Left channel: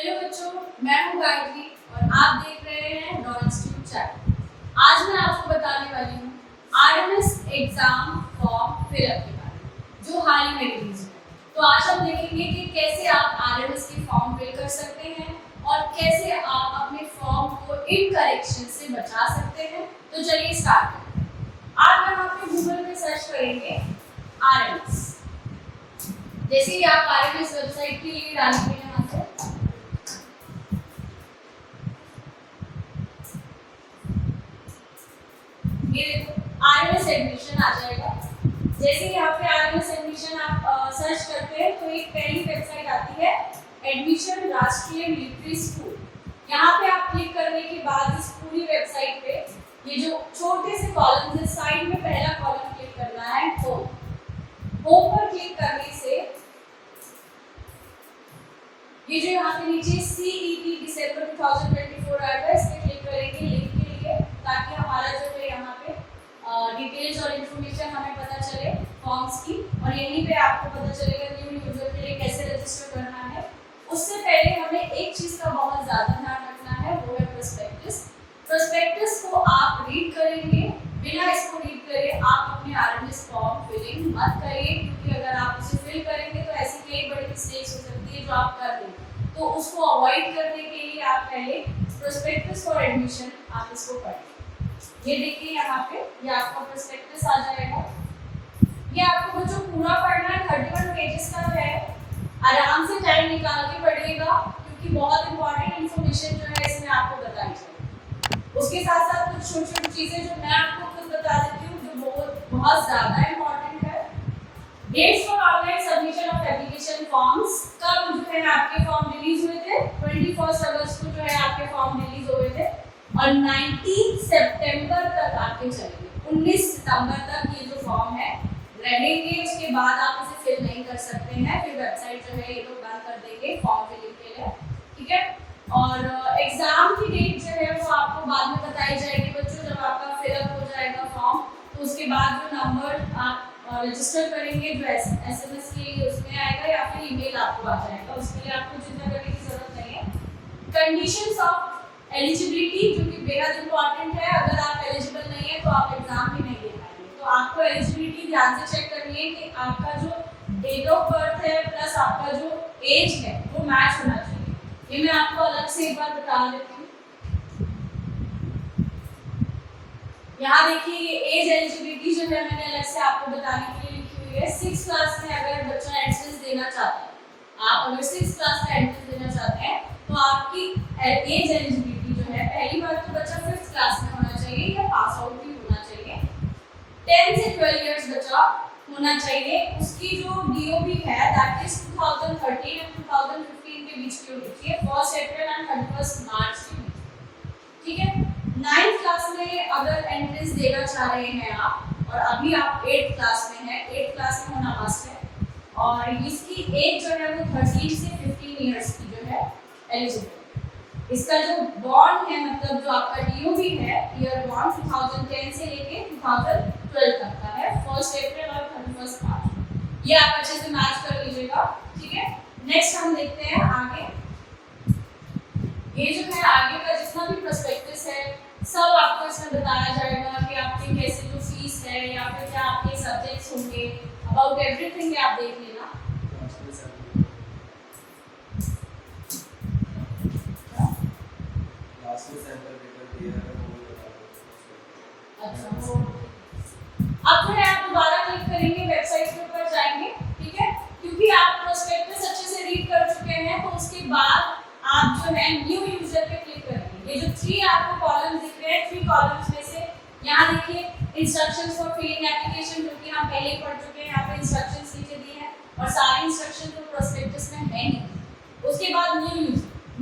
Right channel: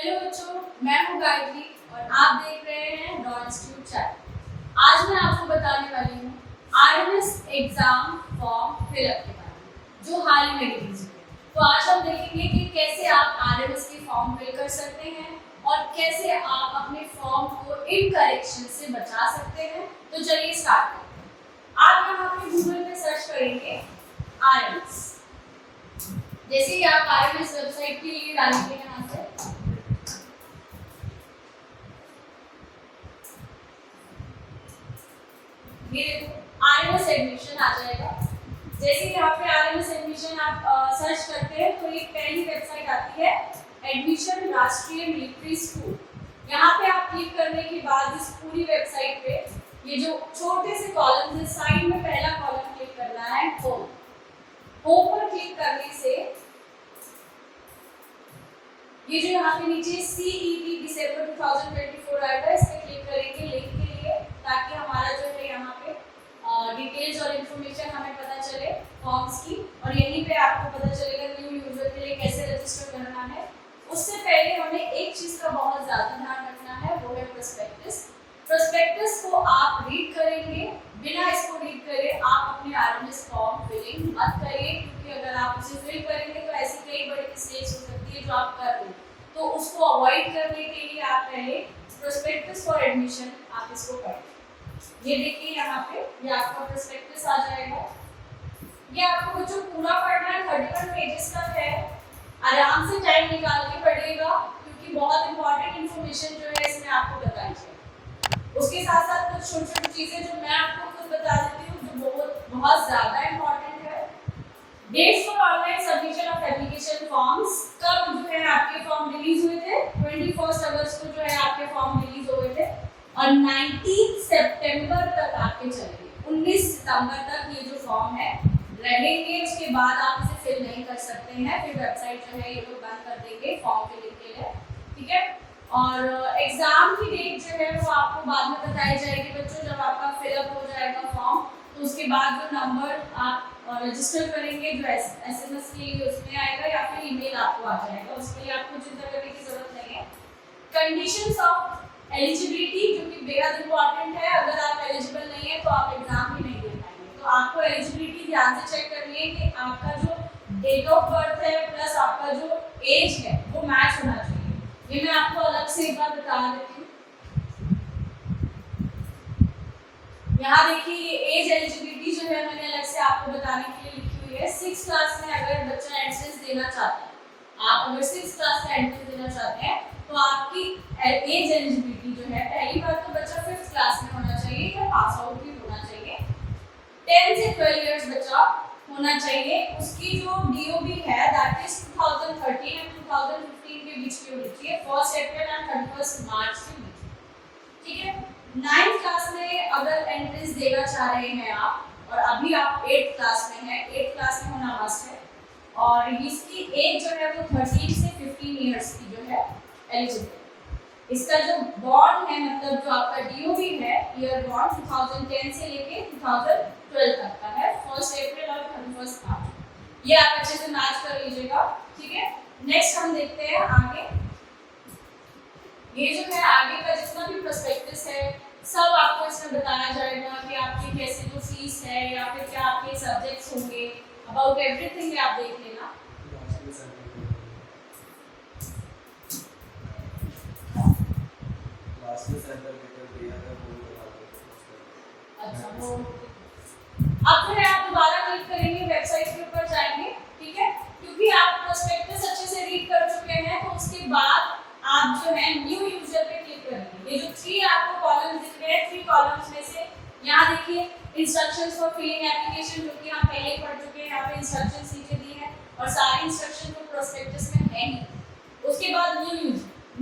Hello बच्चों, मैं हूँ गायत्री और आप देख रहे हैं डॉ इंस्टीट्यूट चैनल। आज मैं आपको बताने वाली हूँ आरएमएस एग्जाम फॉर्म फिलअप के बारे में जो हाल ही में रिलीज हुए। तो आज हम देखेंगे कि कैसे आप आरएमएस के फॉर्म फिल कर सकते हैं और कैसे आप अपने फॉर्म को इनकरेक्शन से बचा सकते हैं। तो चलिए स्टार्ट करते हैं। आप यहाँ पे गूगल पे सर्च करेंगे आरएमएस। जैसे ही आप आरएमएस वेबसाइट के लिए डालेंगे यहाँ से ये देखो आरएमएस एडमिशन आ जाएगा। जैसे ही यहाँ पे आरएमएस एडमिशन आप सर्च करते हैं तो एक पहली वेबसाइट आती है एडमिशन राष्ट्रीय मिलिट्री स्कूल। यहाँ पे आप क्लिक करने के बाद इस पूरी वेबसाइट पे ये जो छोटे से कॉलम है साइड में पहला कॉलम क्लिक करना है होम। होम पर क्लिक करने से ये जो यहाँ पे नीचे CET दिसंबर 2024 आएगा, इस पे क्लिक करेंगे लिंक के लिए ताकि हमारा जो है यहाँ पे डिटेल्स और इन्फॉर्मेशन हमें पता चले फॉर्म्स की, और यहीं पे आपको पता चलेगा न्यू यूजर के लिए कैसे रजिस्टर करना है। उससे पहले हमें एक चीज का बहुत ज्यादा ध्यान रखना है, वो है प्रोस्पेक्टस। प्रोस्पेक्टस को आप रीड करेंगे, बिना इसको रीड करे आप अपने आरएमएस फॉर्म फिलिंग मत करिए, क्योंकि अगर आप उसे फिल करेंगे तो ऐसी कई बड़ी मिस्टेक्स हो सकती है जो आप कर रहे हैं। तो उसको अवॉइड करने के लिए आप पहले प्रोस्पेक्टस फॉर एडमिशन आप इसको पढ़ें। ये देखिए यहाँ पे ये आपका प्रोस्पेक्टस आ जाएगा। ये आपको बच्चों पूरा पढ़ना है, 31 पेजेस का है। आराम से टाइम निकाल के पढ़िएगा क्योंकि बहुत इंपॉर्टेंट इन्फॉर्मेशन जो है इसमें आपको बताई जाएगी। उसके साथ साथ कुछ छोटी छोटी चीजें जो मैं आपको खुद बता देती हूँ जो बहुत ज्यादा इंपॉर्टेंट है। Dates for online submission of application forms, कब जो है आपके फॉर्म रिलीज हुए थे, 21 अगस्त को जो है आपके फॉर्म रिलीज हुए थे और 19 सितंबर तक आपके चलेंगे। 19 सितंबर तक ये जो फॉर्म है रहेंगे, उसके बाद आप इसे फिल नहीं कर सकते हैं। फिर वेबसाइट जो है ये लोग बंद कर देंगे फॉर्म फिलिंग के लिए, ठीक है। और एग्जाम की डेट जो है वो आपको बाद में बताई जाएगी बच्चों, जब आपका फिलअप हो जाएगा फॉर्म तो उसके बाद जो नंबर आप रजिस्टर करेंगे जो SMS के लिए उसमें आएगा या फिर ईमेल आपको आ जाएगा। उसके लिए आपको चिंता करने की जरूरत नहीं है। कंडीशंस ऑफ एलिजिबिलिटी जो कि बेहद इंपॉर्टेंट है, अगर आप एलिजिबल नहीं है तो आप एग्जाम भी नहीं दे पाएंगे। तो आपको एलिजिबिलिटी ध्यान से चेक करनी है कि आपका जो डेट ऑफ बर्थ है प्लस आपका जो एज है वो मैच होना चाहिए। ये मैं आपको अलग से एक बार बता देती हूँ। यहाँ देखिए ये एज एलिजिबिलिटी जो है मैंने अलग से आपको बताने के लिए लिखी हुई है। 6th क्लास में अगर बच्चा एंट्रेंस देना चाहता है, आप अगर 6th क्लास में एंट्रेंस देना चाहते हैं तो आपकी एज एलिजिबिलिटी जो है, पहली बार तो बच्चा 5th क्लास में होना चाहिए या पास आउट भी होना चाहिए। 10 से 12 इयर्स बच्चा होना चाहिए। उसकी जो DOB है दैट इज 2013 एंड 2015 के बीच की होनी चाहिए, 1 अप्रैल एंड 31 मार्च के बीच, ठीक है। 9th क्लास में अगर एंट्रेंस देना चाह रहे हैं आप और अभी आप 8th क्लास में हैं, 8th क्लास में होना मस्ट है, और इसकी एज जो है वो 13 से 15 इयर्स की जो है एलिजिबल। इसका जो बॉन्ड है मतलब जो आपका DOB है ईयर बॉन्ड 2010 से लेके 2012 तक का है, 1 अप्रैल और 31 मार्च। ये आप अच्छे से मैच कर लीजिएगा, ठीक है। नेक्स्ट हम देखते हैं आगे। ये जो है आगे का जितना भी प्रोस्पेक्टस है सब आपको इसमें बताया जाएगा कि आपकी कैसे जो फीस है या फिर क्या आपके सब्जेक्ट्स होंगे, अबाउट एवरीथिंग आप देख लेना। अच्छा, वो अब जो है आप दोबारा क्लिक करेंगे, वेबसाइट के ऊपर जाएंगे, ठीक है। क्योंकि आप प्रोस्पेक्टस अच्छे से रीड कर चुके हैं तो उसके बाद आप जो है न्यू यूजर पे क्लिक करेंगे। ये जो 3 आपको कॉलम्स दिख रहे हैं, 3 कॉलम्स में से यहाँ देखिए इंस्ट्रक्शंस फॉर फिलिंग एप्लीकेशन जो कि हम पहले ही पढ़ चुके हैं, यहाँ पे इंस्ट्रक्शंस नीचे दिए हैं और सारे इंस्ट्रक्शन तो प्रोस्पेक्टस में है नहीं। उसके बाद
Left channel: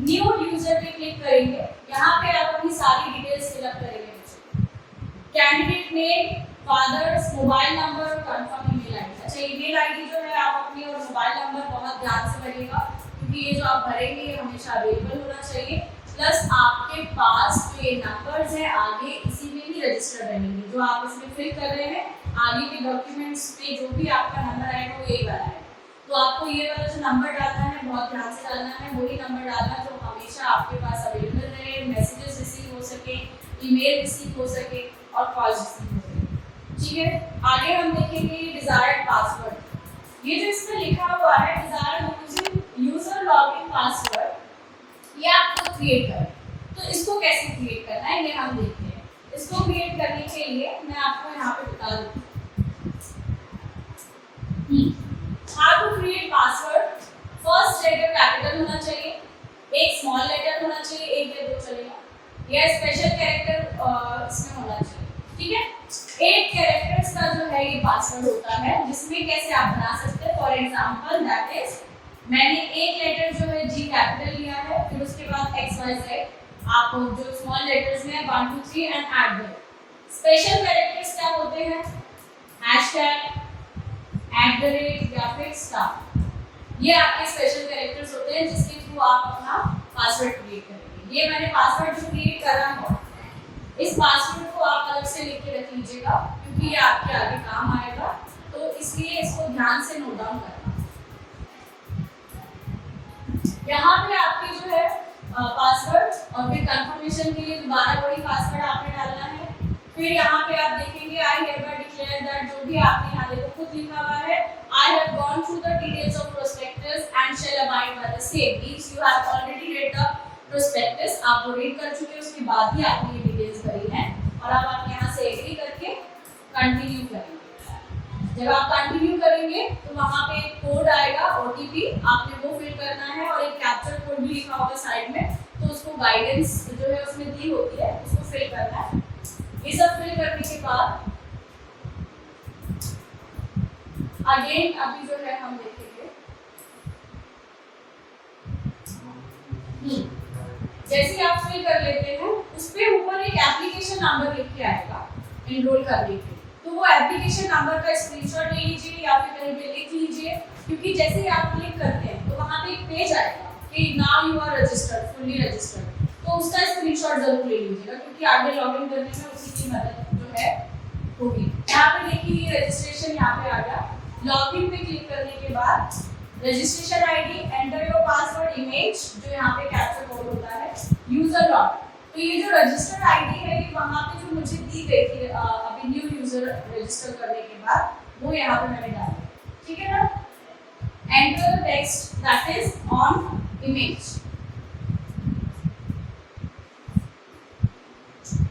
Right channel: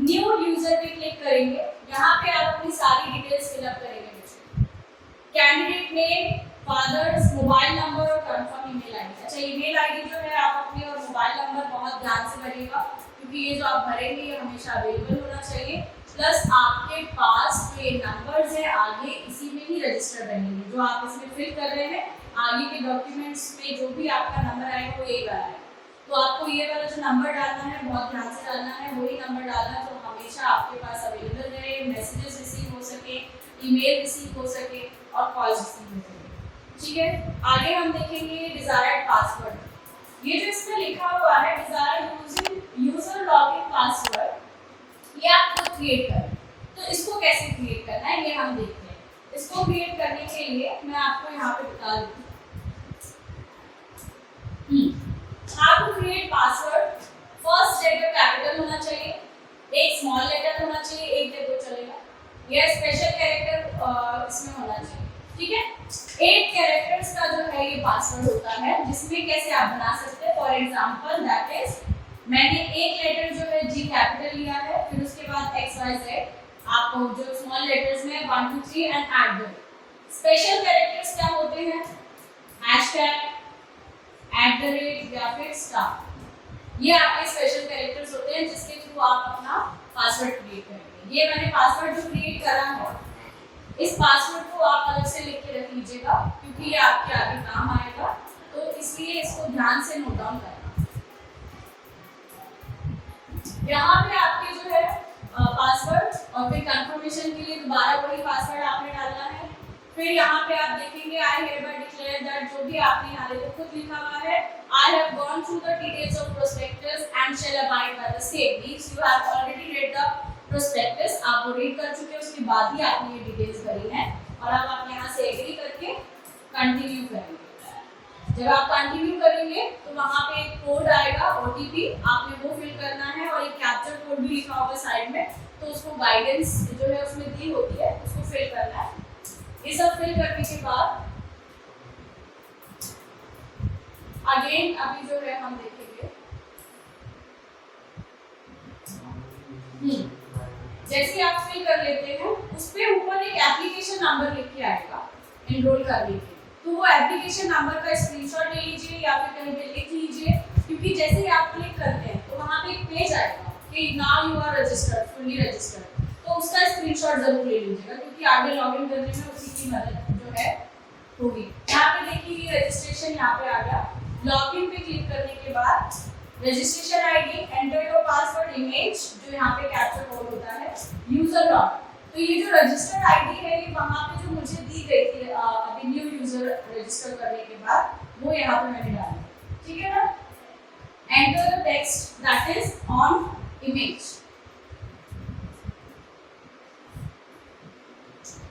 न्यू यूजर पे क्लिक करेंगे, यहाँ पे आप अपनी सारी डिटेल्स फिलअप करेंगे। Candidate name, father's, mobile number और कंफर्म ईमेल आईडी। अच्छा, ईमेल आईडी जो है आप अपनी और मोबाइल नंबर बहुत ध्यान से भरिएगा क्योंकि ये जो आप भरेंगे ये हमेशा अवेलेबल होना चाहिए। प्लस आपके पास जो ये नंबर्स हैं आगे इसी में ही रजिस्टर रहेंगे, जो आप इसमें फिल कर रहे हैं आगे के डॉक्यूमेंट्स में जो भी आपका नंबर आएगा वो ये वाला है। तो आपको ये वाला जो नंबर डालना है बहुत ध्यान से डालना है, वही नंबर डालना जो हमेशा आपके पास अवेलेबल रहे, मैसेजेस रिसीव हो सके, ईमेल रिसीव हो सके और कॉल्स रिसीव हो सके। ठीक है, आगे हम देखेंगे डिजायर्ड पासवर्ड। ये जो इसमें लिखा हुआ है डिजायर्ड यूजर लॉगिन पासवर्ड, ये आप खुद क्रिएट करें। तो इसको कैसे क्रिएट करना है ये हम देखते हैं। इसको क्रिएट करने के लिए मैं आपको यहाँ पे बता दूँ how to create password। First letter capital होना चाहिए, एक स्मॉल लेटर होना चाहिए, एक या दो चलेगा, या स्पेशल कैरेक्टर इसमें होना चाहिए। ठीक है, 8 कैरेक्टर्स का जो है ये पासवर्ड होता है, जिसमें कैसे आप बना सकते हैं। फॉर एग्जांपल दैट इज मैंने एक लेटर जो है जी कैपिटल लिया है, फिर उसके बाद XYZ, आप जो स्मॉल लेटर्स में 1 2 3 एंड ऐड दो। स्पेशल कैरेक्टर्स क्या होते हैं, हैशटैग, @ या फिर स्टार, ये आपके स्पेशल कैरेक्टर्स होते हैं जिसके थ्रू आप अपना पासवर्ड क्रिएट करेंगे। ये मैंने पासवर्ड जो क्रिएट करा है, इस पासवर्ड को आप अलग से लिख के रख लीजिएगा क्योंकि ये आपके आगे काम आएगा, तो इसलिए इसको ध्यान से नोट डाउन करना। यहाँ पे आपके जो है पासवर्ड और फिर कंफर्मेशन के लिए दोबारा वही पासवर्ड आपने डालना है। फिर यहाँ पे आप देखेंगे आई hereby declare that, जो भी आपने यहाँ देखो खुद लिखा हुआ है, I have gone through the details of prospectus and shall abide by the same। Means you have already read the prospectus, आप वो रीड कर चुके हैं, उसके बाद ही आपने ये डिटेल्स भरी है और अब आप यहाँ से एग्री करके कंटिन्यू करेंगे। जब आप कंटिन्यू करेंगे तो वहाँ पे एक कोड आएगा OTP, आपने वो फिल करना है और एक कैप्चर कोड भी लिखा होगा साइड में, तो उसको गाइडेंस जो है उसमें दी होती है, उसको फिल करना है। ये सब फिल करने के बाद अगेन अभी जो है हम देखेंगे, जैसे आप फिल कर लेते हैं उस पे ऊपर एक एप्लीकेशन नंबर लिख के आएगा एनरोल करने के, तो वो एप्लीकेशन नंबर का स्क्रीनशॉट ले लीजिए या फिर कहीं पे लिख लीजिए, क्योंकि जैसे ही आप क्लिक करते हैं तो वहाँ पे एक पेज आएगा कि now you are registered, fully registered, तो उसका स्क्रीनशॉट जरूर ले लीजिएगा क्योंकि आगे लॉगिन करने में उसी की मदद जो है होगी। यहाँ पे देखिए रजिस्ट्रेशन यहाँ पे आ गया, लॉगिन पे क्लिक करने के बाद registration ID, enter your password, image जो यहाँ पे कैप्चर कोड होता है, यूजर लॉगिन। तो ये जो रजिस्टर आईडी है ये वहाँ पे जो मुझे दी गई थी अभी न्यू यूजर रजिस्टर करने के बाद, वो यहाँ पे मैंने डाला, ठीक है ना। Enter the text that is on image.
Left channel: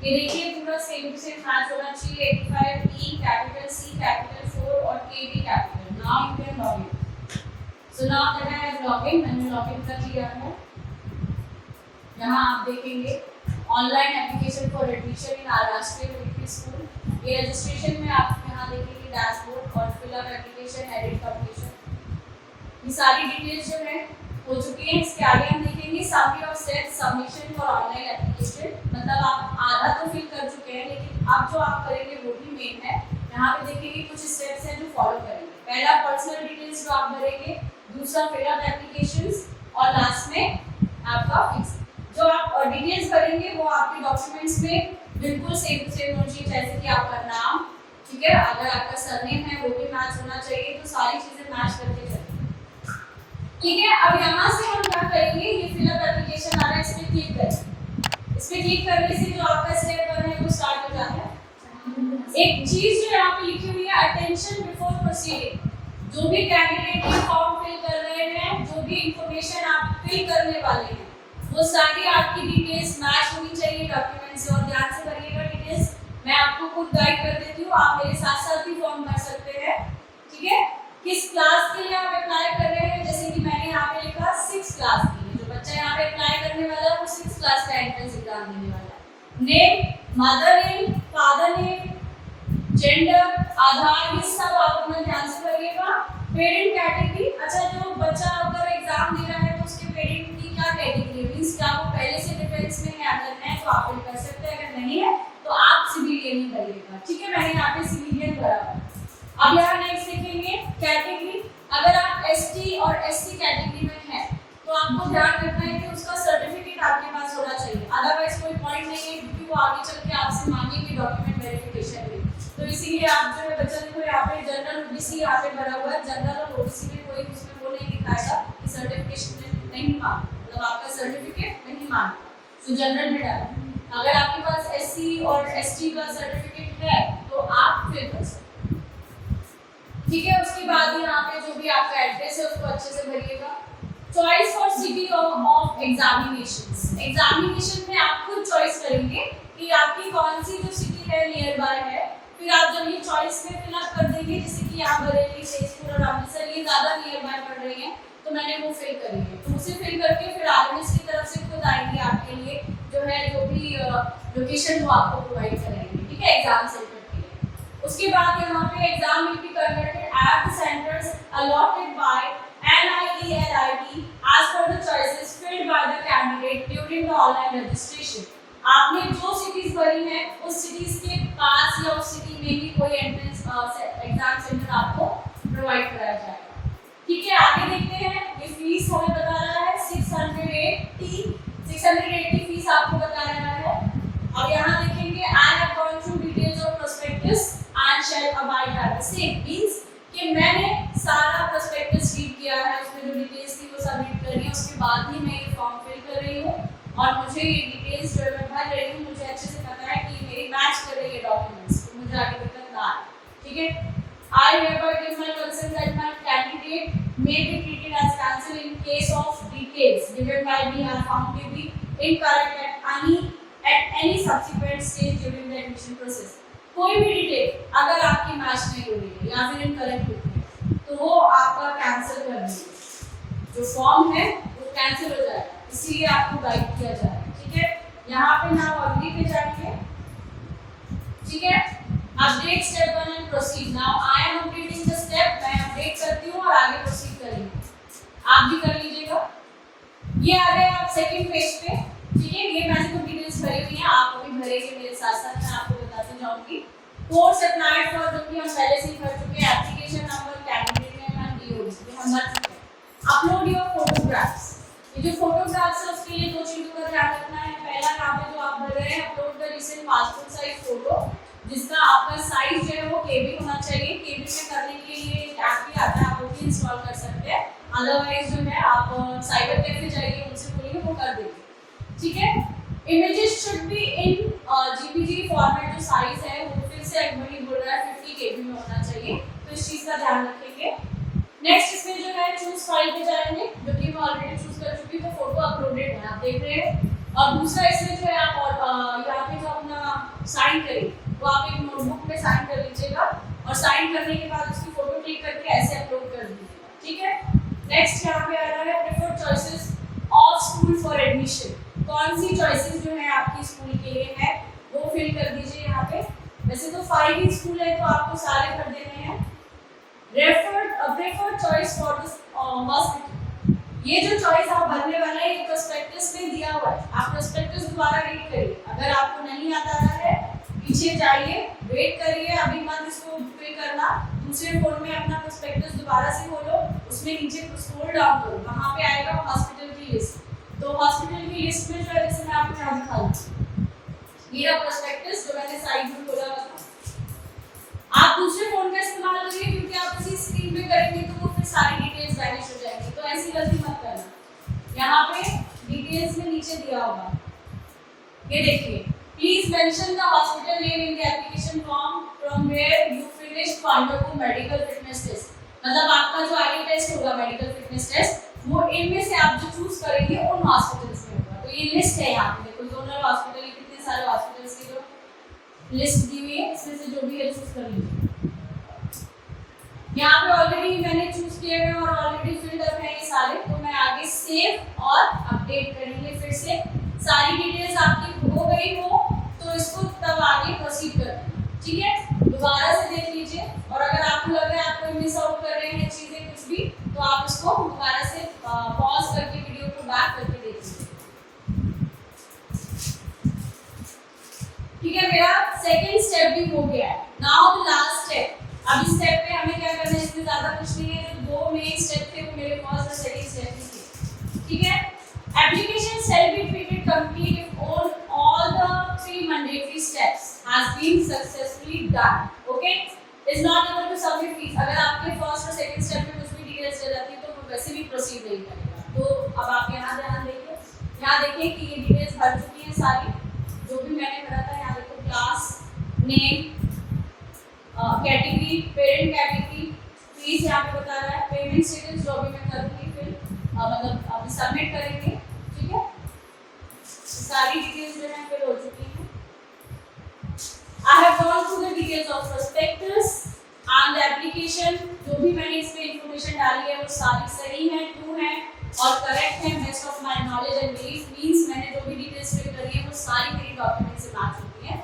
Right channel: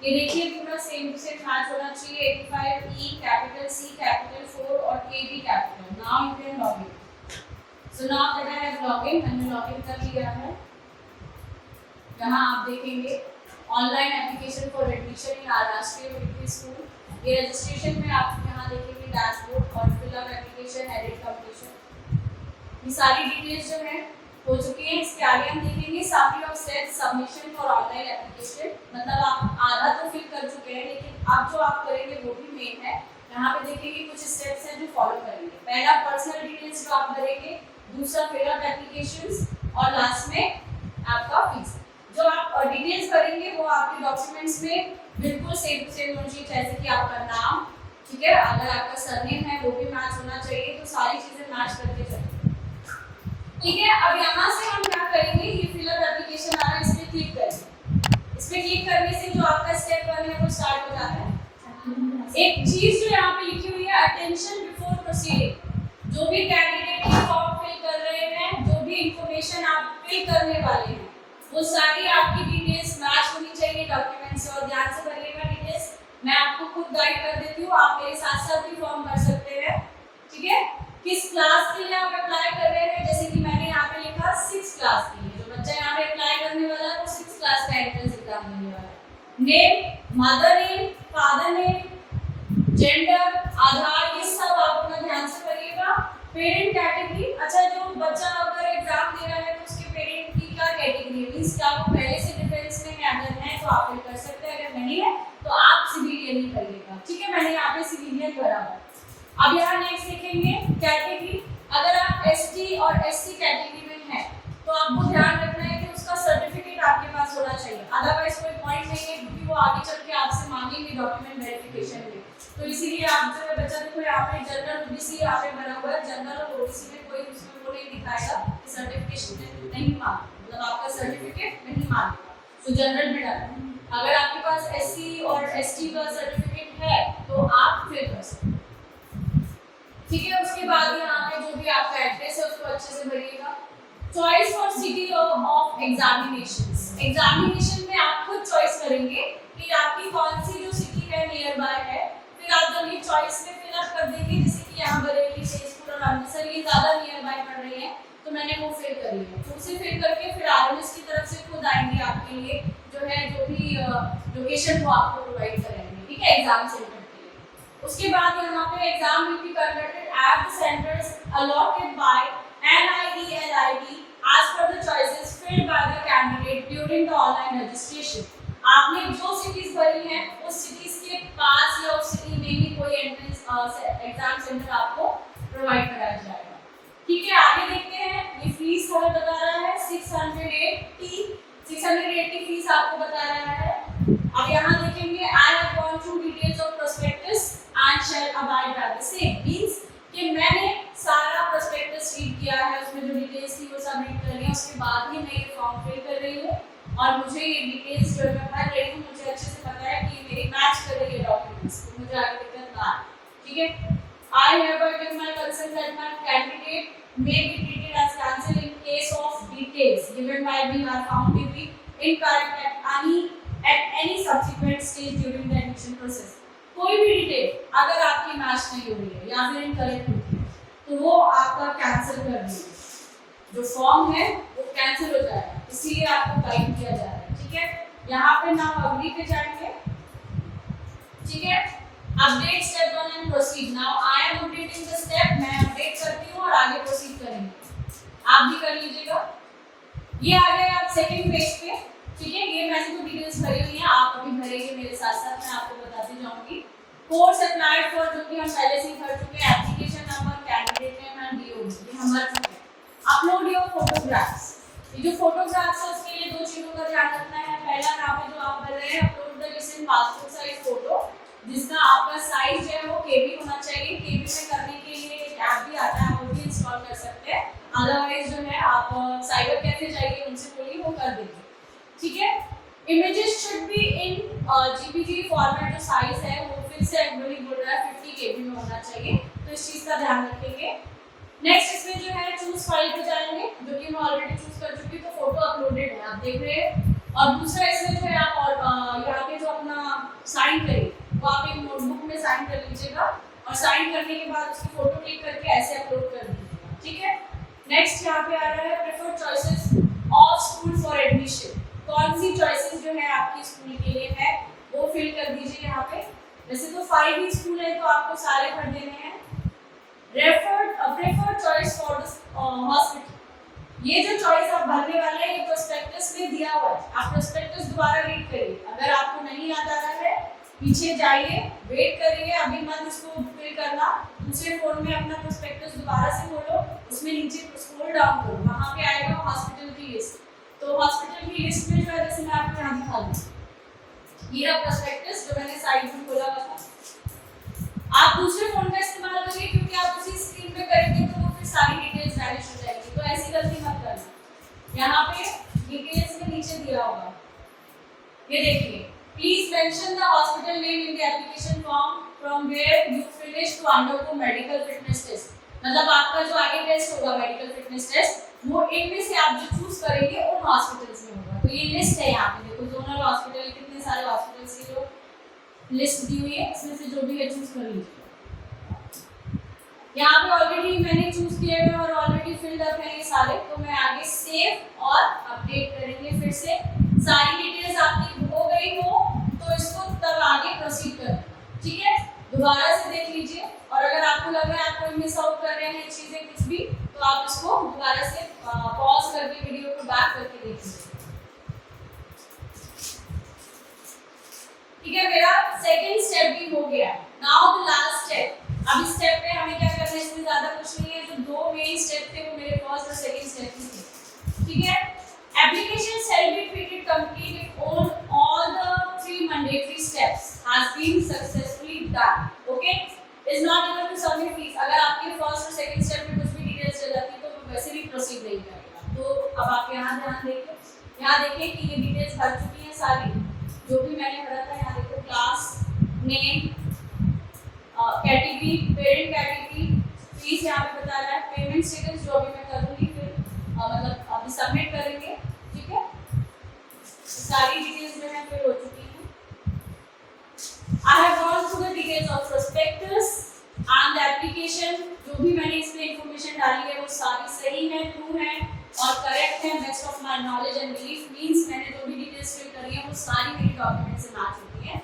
ये देखिए पूरा सेम टू सेम मैच होना चाहिए, 85 E कैपिटल C कैपिटल 4 और K भी capital. Now you can log in. So now that I have log in, मैंने लॉग इन कर लिया है। यहाँ आप देखेंगे online application for admission in R Rashtriya military school. ये रजिस्ट्रेशन में आप यहाँ देखेंगे डैशबोर्ड और fill up application, edit completion, ये सारी डिटेल्स जो है हो चुकी है। इसके आगे हम देखेंगे summary of steps submission for online application, मतलब आप आधा तो फिल कर चुके हैं लेकिन अब जो आप करेंगे वो भी मेन है। यहाँ पे देखेंगे कुछ स्टेप्स हैं जो फॉलो करेंगे। पहला पर्सनल डिटेल्स जो आप भरेंगे, दूसरा फिल अप एप्लीकेशंस और लास्ट में आपका फीस। जो आप डिटेल्स भरेंगे वो आपके डॉक्यूमेंट्स में बिल्कुल सेम टू सेम होनी चाहिए, जैसे कि आपका नाम, ठीक है, अगर आपका सरनेम है वो भी मैच होना चाहिए, तो सारी चीजें मैच करके चलेंगे, ठीक है। अब यहाँ से हम क्या करेंगे, ये फिलअप एप्लीकेशन आ रहा है, इस पे क्लिक करें। इस पे क्लिक करने से जो आपका स्टेप 1 है वो स्टार्ट हो जाता है। एक चीज जो यहाँ पे लिखी हुई है, अटेंशन बिफोर प्रोसीडिंग। जो भी कैंडिडेट फॉर्म फिल कर रहे हैं, जो भी इंफॉर्मेशन आप फिल करने वाले हैं, वो सारी आपकी डिटेल्स मैच होनी चाहिए डॉक्यूमेंट से। और ध्यान से भरिएगा डिटेल्स, मैं आपको खुद गाइड कर देती हूँ, आप मेरे साथ साथ भी फॉर्म भर सकते हैं, ठीक है। किस क्लास के लिए आप अप्लाई कर रहे हैं, जैसे कि मैंने यहाँ पे लिखा 6 क्लास के लिए। जो बच्चा यहाँ पे अप्लाई करने वाला है वो 6 क्लास का एंट्रेंस एग्जाम देने वाला है। Name, mother name, father name, gender, Aadhaar, ये सब आप अपना ध्यान से भरिएगा। पेरेंट कैटेगरी, अच्छा जो बच्चा अगर एग्जाम दे रहा है तो उसके पेरेंट की क्या कैटेगरी है, मींस क्या वो पहले से डिफेंस में है, अगर है तो आप कर सकते हैं, अगर नहीं है तो आप सिविलियन ही करिएगा, ठीक है। मैंने यहाँ पे सिविलियन भरा हुआ है। अब यहाँ नेक्स्ट देखेंगे कैटेगरी, अगर आप ST और SC कैटेगरी में हैं तो आपको ध्यान रखना है कि उसका सर्टिफिकेट आपके पास होना चाहिए, अदरवाइज कोई पॉइंट नहीं है, क्योंकि वो आगे चल के आपसे मांगेंगे डॉक्यूमेंट वेरिफिकेशन में। तो इसीलिए आप जो है बच्चा देखो यहाँ पे जनरल ओबीसी यहाँ पे भरा हुआ है, जनरल और ओबीसी में कोई उसमें वो नहीं दिखाएगा कि सर्टिफिकेशन में नहीं मांगा, मतलब आपका सर्टिफिकेट नहीं मांगा, तो जनरल में डाला। अगर आपके पास एससी और एसटी का सर्टिफिकेट है तो आप फिल कर सकते हैं, ठीक है। उसके बाद यहाँ पे जो भी आपका एड्रेस है उसको अच्छे से भरिएगा। Choice for city of examinations, examination में आप खुद चॉइस करेंगे कि आपकी कौन सी जो सिटी है नियर बाय है, फिर आप जब ये चॉइस में फिल अप कर देंगे, जैसे कि यहाँ बरेली, तेजपुर और अमृतसर ये ज़्यादा नियर बाय पड़ रही हैं तो मैंने वो फिल करी है, तो उसे फिल करके फिर आरएमएस की तरफ से खुद आएंगे आपके लिए जो है जो भी लोकेशन वो आपको प्रोवाइड करेंगे, ठीक है, एग्जाम सेंटर के लिए। उसके बाद यहाँ पे exam will be conducted at the centres allotted by NIELIT as per the choices filled by the candidate during the online registration। आपने जो सिटीज भरी हैं उस सिटीज के पास या उस सिटी में ही कोई एंट्रेंस एग्जाम सेंटर आपको प्रोवाइड कराया जाएगा, ठीक है। आगे देखते हैं, ये फीस हमें बता रहा है 680 फीस आपको बता रहा है। अब यहाँ देखेंगे I have gone through details of prospectus and shall abide by the same, means कि मैंने सारा प्रोस्पेक्टस रीड किया है, उसमें जो डिटेल्स थी वो सब रीड कर रही हूँ, उसके बाद ही मैं ये फॉर्म फिल कर रही हूँ और मुझे ये डिटेल्स जो मैं भर रही हूँ मुझे अच्छे से पता है कि मेरी मैच कर रही है डॉक्यूमेंट्स, तो मुझे आगे दिक्कत ना आए, ठीक है। I hereby give my consent that my candidate may be treated as cancelled in case of details given by me are found to be incorrect at any subsequent stage during the admission process। कोई भी detail अगर आपकी match नहीं हो रही है या फिर इनकरेक्ट होती है तो वो आपका कैंसिल कर देंगे, जो फॉर्म है वो कैंसिल हो जाएगा, इसीलिए आपको गाइड किया जा रहा है, ठीक है। यहाँ पे नाउ अग्री पे जाएंगे, ठीक है। Update step 1 and proceed. Now I am updating the step, मैं अपडेट करती हूँ और आगे प्रोसीड करेंगे, आप भी कर लीजिएगा। ये आ गए आप सेकंड पेज पे, ठीक है। ये मैंने तो डिटेल्स भरी हुई हैं, आप अभी भरेंगे मेरे साथ साथ, मैं आपको बताती जाऊंगी। कोर्स अप्लाइड फॉर जो कि हम पहले से ही भर चुके हैं, application number, candidate name and DoD हम भर चुके हैं। अपलोड योर फोटोग्राफ्स, ये जो फोटोग्राफ्स है उसके लिए दो चीजों का ध्यान रखना है। पहला काम है जो आप भर रहे हैं, upload the recent passport size photo, जिसका आपका साइज जो है वो केबी होना चाहिए। केबी में करने के लिए एक ऐप भी आता है, आप वो भी इंस्टॉल कर सकते हैं, अदरवाइज जो है आप साइबर कैफे जाइए, उनसे बोलिए वो कर देंगे, ठीक है। Images should be in GPG format, जो साइज है वो फिर से वही बोल रहा है 50 केबी में होना चाहिए, तो इस चीज का ध्यान रखेंगे। नेक्स्ट इसमें जो है चूज फाइल पे जाएंगे, जो कि मैं ऑलरेडी चूज कर चुकी, तो फोटो अपलोडेड है आप देख रहे हैं। और दूसरा इसमें जो है आप यहाँ पे जो अपना साइन करें वो आप एक नोटबुक में साइन कर लीजिएगा और साइन करने के बाद उसकी फोटो क्लिक करके ऐसे अपलोड कर दीजिएगा, ठीक है। नेक्स्ट यहाँ पे आ रहा है preferred choices of school for admission, कौन सी चॉइसेस जो है आपकी स्कूल के लिए है वो फिल कर दीजिए यहाँ पे। वैसे तो 5 ही स्कूल है तो आपको सारे भर देने हैं। Preferred choice for the hospital, ये जो चॉइस आप भरने वाले हैं ये प्रोस्पेक्टस में दिया हुआ है, आप प्रोस्पेक्टस दोबारा रीड करिए, अगर आपको नहीं आता है पीछे जाइए, वेट करिए, अभी मत इसको फिल करना, दूसरे फोन में अपना प्रोस्पेक्टस दोबारा से खोलो, उसमें नीचे स्क्रॉल डाउन करो, वहाँ पे आएगा हॉस्पिटल की लिस्ट, तो हॉस्पिटल की लिस्ट में जो है जैसे मैं आपको यहाँ दिखा दूँ, ये रहा प्रोस्पेक्टस जो मैंने साइड में खोला हुआ था। आप दूसरे फोन का इस्तेमाल करिए क्योंकि आप उसी स्क्रीन पे करेंगे तो वो फिर सारी डिटेल्स वैनिश हो जाएंगी, तो ऐसी गलती मत करना। यहाँ पे डिटेल्स में नीचे दिया होगा, ये देखिए, please mention the hospital name in the application form from where you finish to undergo medical fitness test, मतलब आपका जो आगे टेस्ट होगा मेडिकल फिटनेस टेस्ट वो इनमें से आप जो चूज करेंगे उन हॉस्पिटल्स में होगा। तो ये लिस्ट है यहाँ पे देखो, जोनल हॉस्पिटल, कितने सारे हॉस्पिटल्स की जो लिस्ट दी हुई है, इसमें से जो भी है चूज कर लीजिए। यहाँ पे ऑलरेडी मैंने चूज किए हैं और ऑलरेडी फिल्ड अप है ये सारे, तो मैं आगे सेव और अपडेट करेंगे, फिर से सारी डिटेल्स आपकी हो गई हो तो इसको तब आगे प्रोसीड करना, ठीक है। दोबारा से देख लीजिए और अगर आपको लग रहा है आप कोई मिस आउट कर रहे हैं चीजें कुछ भी, तो आप इसको दोबारा से पॉज करके वीडियो को बैक करके देख लीजिए, ठीक है। मेरा सेकंड स्टेप भी हो गया है। नाउ द लास्ट स्टेप, अब इस स्टेप पे हमें क्या करना है, इसमें ज्यादा कुछ नहीं है, जो दो मेन स्टेप थे वो मेरे फर्स्ट और सेकंड स्टेप ही थे, ठीक है। Application shall be treated complete if all the 3 mandatory steps has been successfully done. Okay, is not able to submit यहाँ देखें कि ये डिटेल्स भर चुकी हैं सारी, जो भी मैंने भरा था। यहाँ देखो class name, category, parent category, fees यहाँ पे बता रहा है, पेमेंट स्टेटस जो अभी मैं करूँगी फिर मतलब अभी सबमिट करेंगे, ठीक है। सारी डिटेल्स जो है फिर हो चुकी हैं। I have gone through the details of prospectus and the application। जो भी मैंने इसमें इंफॉर्मेशन डाली है वो सारी सही है, ट्रू है और करेक्ट है। Best of my knowledge and belief means मैंने जो भी डिटेल्स फिल करी है वो सारी मेरी डॉक्यूमेंट से मैच होती है।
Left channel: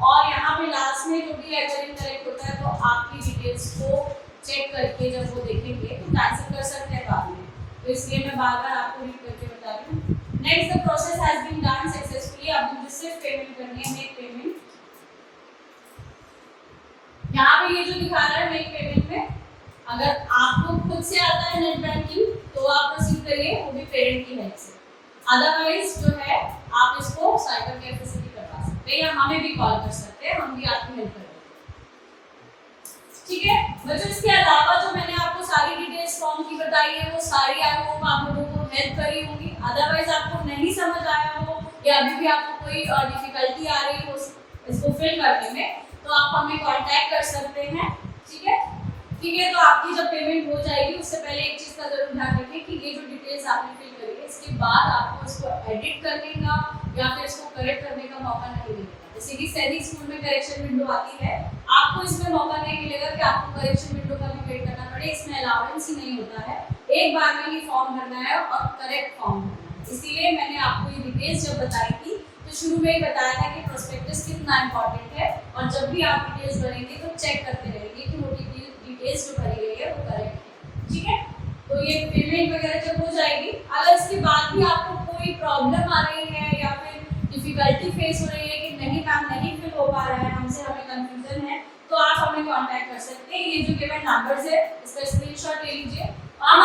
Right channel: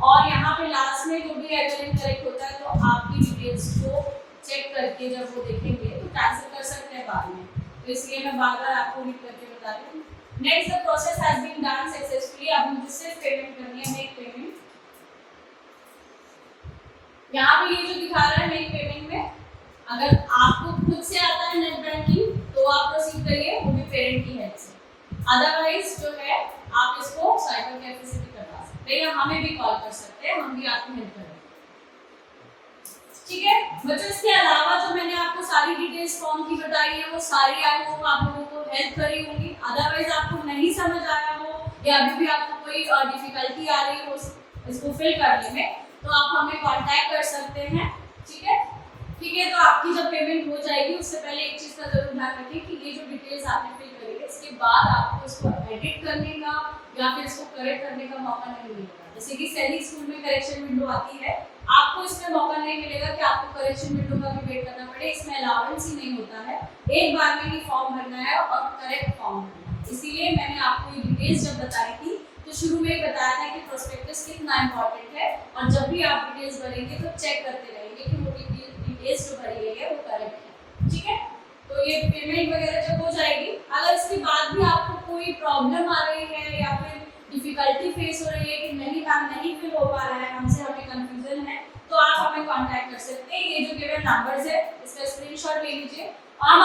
और यहाँ पे लास्ट में जो भी अगर इनकरेक्ट होता है तो आपकी डिटेल्स को चेक करके जब वो देखेंगे तो कैंसिल कर सकते हैं बाद में, तो इसलिए मैं बार बार आपको रीड करके बता रही हूँ। Next the process has been done successfully. अब मुझे सिर्फ पेमेंट करनी है, मेक पेमेंट। यहाँ पे ये जो दिखा रहा है मेक पेमेंट में, अगर आपको खुद से आता है नेट बैंकिंग तो आप प्रोसीड करिए, वो भी पेरेंट की हेल्प से। अदरवाइज जो है आप इसको साइबर कैफे से भी करवा सकते हैं या हमें भी कॉल कर सकते हैं, हम भी आपकी हेल्प करेंगे, ठीक है बच्चों। इसके अलावा जो मैंने आपको सारी डिटेल्स फॉर्म की बताई है वो सारी आई होप आप लोगों को हेल्प करी होंगी। अदरवाइज आपको नहीं समझ आया हो या अभी भी आपको कोई डिफिकल्टी आ रही हो इसको फिल करने में, तो आप हमें कांटेक्ट कर सकते हैं, ठीक है। तो आपकी जब पेमेंट हो जाएगी उससे पहले एक चीज़ का जरूर ध्यान रखें कि ये जो डिटेल्स आपने फिल करी है इसके बाद आपको इसको एडिट करने का या फिर इसको करेक्ट करने का मौका नहीं मिलेगा। जैसे कि सैनिक स्कूल में करेक्शन विंडो आती है, आपको इसमें मौका नहीं मिलेगा कि आपको करेक्शन विंडो का भी वेट करना पड़े, इसमें अलाउंस ही नहीं होता है। एक बार में ही फॉर्म भरना है और करेक्ट फॉर्म भरना है। इसीलिए मैंने आपको ये डिटेल्स जब बताई थी तो शुरू में ही बताया था कि प्रोस्पेक्टस कितना इंपॉर्टेंट है और जब भी आप डिटेल्स भरेंगे तो चेक करते रहेंगे कि वो डिटेल्स जो भरी गई है वो करेक्ट है, ठीक है। तो ये पेमेंट वगैरह जब हो जाएगी, अगर इसके बाद भी आपको कोई प्रॉब्लम आ रही है या फिर डिफिकल्टी फेस हो रही है कि नहीं मैम नहीं फिल हो पा रहा है हमसे, हमें कंफ्यूजन है, तो आप हमें कांटेक्ट कर सकते हैं। ये जो गिवन नंबर्स है इसका स्क्रीनशॉट ले लीजिए और